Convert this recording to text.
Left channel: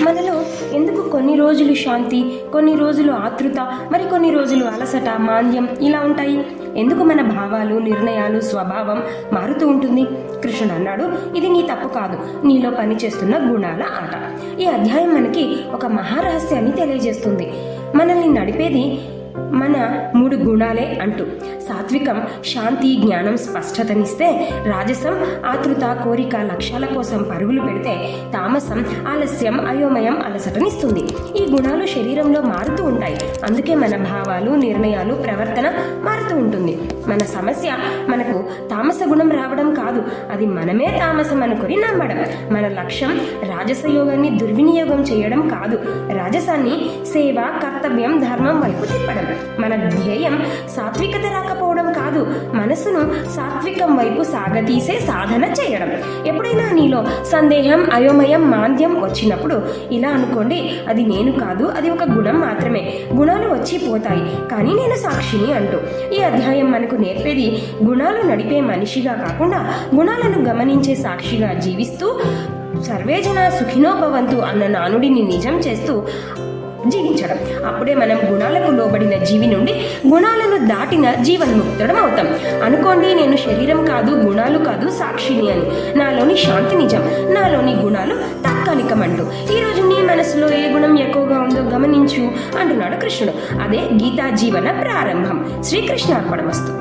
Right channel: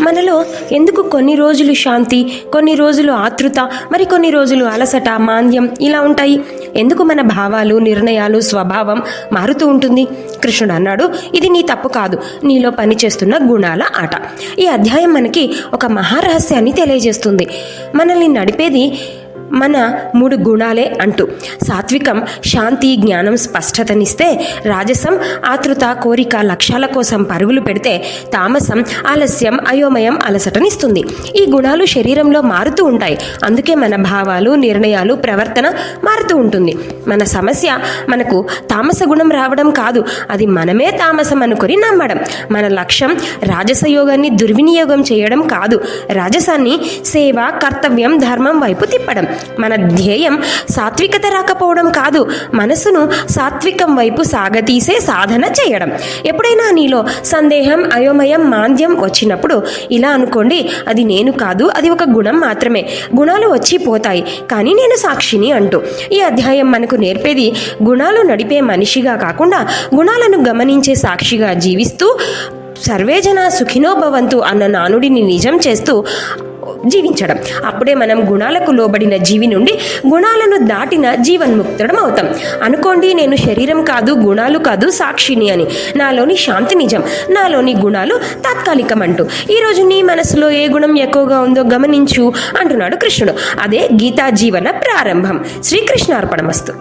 మనలో ఎందుకు కొన్ని రోజులు శాంతి కొన్ని రోజులు ఆతృత మరి కొన్ని రోజులు అలసట మాంద్యం ఇలా ఉంటాయి? ఎందుకు మన భావాలు నిర్ణయాలు స్వభావం మారుతూ ఉంటుంది? కృష్ణుడు అన్నాడు ఇది నీ తప్పు కాదు. నీలో పనిచేస్తున్న గుణాల ఆట. ఈ అధ్యాయం మనకి ఒక మహారహస్యాన్ని తెలియజేస్తుంది. మనల్ని నడిపేది మన మూడు గుణాలే అంటూ సాత్వికం శాంతి జ్ఞానం స్పష్టతనిస్తే రాజసం ఆతృత కోరిక లక్ష్యాల కోసం పరుగులు పెడితే తామసం ఆలస్యం అయోమయం అలసటనిస్తుంది. ఈ గుణాలు శరీరంలో మారుతూ ఉంటాయి. అందుకే మన భావాలు నిర్ణయాలు ప్రవర్తన మారుతూ ఉంటుంది. మన సమస్య మనకు తామస గుణం రావడం కాదు. అది మనమే తామసం అనుకొని నమ్మడం. మన లక్ష్యం రాజస యోగాన్ని దుర్వినియోగం చేయడం కాదు. రాజసాన్ని సేవ కర్తవ్యం ధర్మం వైపు తిప్పడం. మన ధ్యేయం సాత్వికత రాకపోవడం కాదు మనసును సాత్వికం వైపు సాగతీసే సాధన చేయడం. ఎప్పుడైనా నీలో సందేహం అయోమయం మాంద్యం వచ్చినప్పుడు ఇలా అనుకోండి అది నేను కాదు అది ఒక గుణం మాత్రమే. గుణాలు వచ్చి పోతాయి కానీ నేను సాక్షిని అంటూ. ఈ అధ్యాయం మనకు నేర్పేది గుణాలు నడిపే మనిషిగా కాకుండా గుణాలను గమనించే సాక్షిగా జీవిస్తూ సర్వేజన సుఖినోభవంతు అన్న నానుడిని నిజం చేస్తూ జీవించడం. అప్పుడే మనం గుణాలకు లోబడిన జీవి నుండి గుణాలను దాటిన జీవన్ముక్తుడం అవుతాం. అనుకోండి నేను శరీరం కాదు గుణాలు కాదు సాక్షిని అని. నాలోని శాంతి నిజం నాలోని గుణాలు తాత్కాలికం అంటూ ఈరోజు నీ మనసులో ఏ గుణం ఎక్కువగా ఉందో గమనించు అంటున్నాడు కృష్ణుడు. అదే గీతా జీవన ప్రారంభం. శ్రీకృష్ణార్పణమస్తు.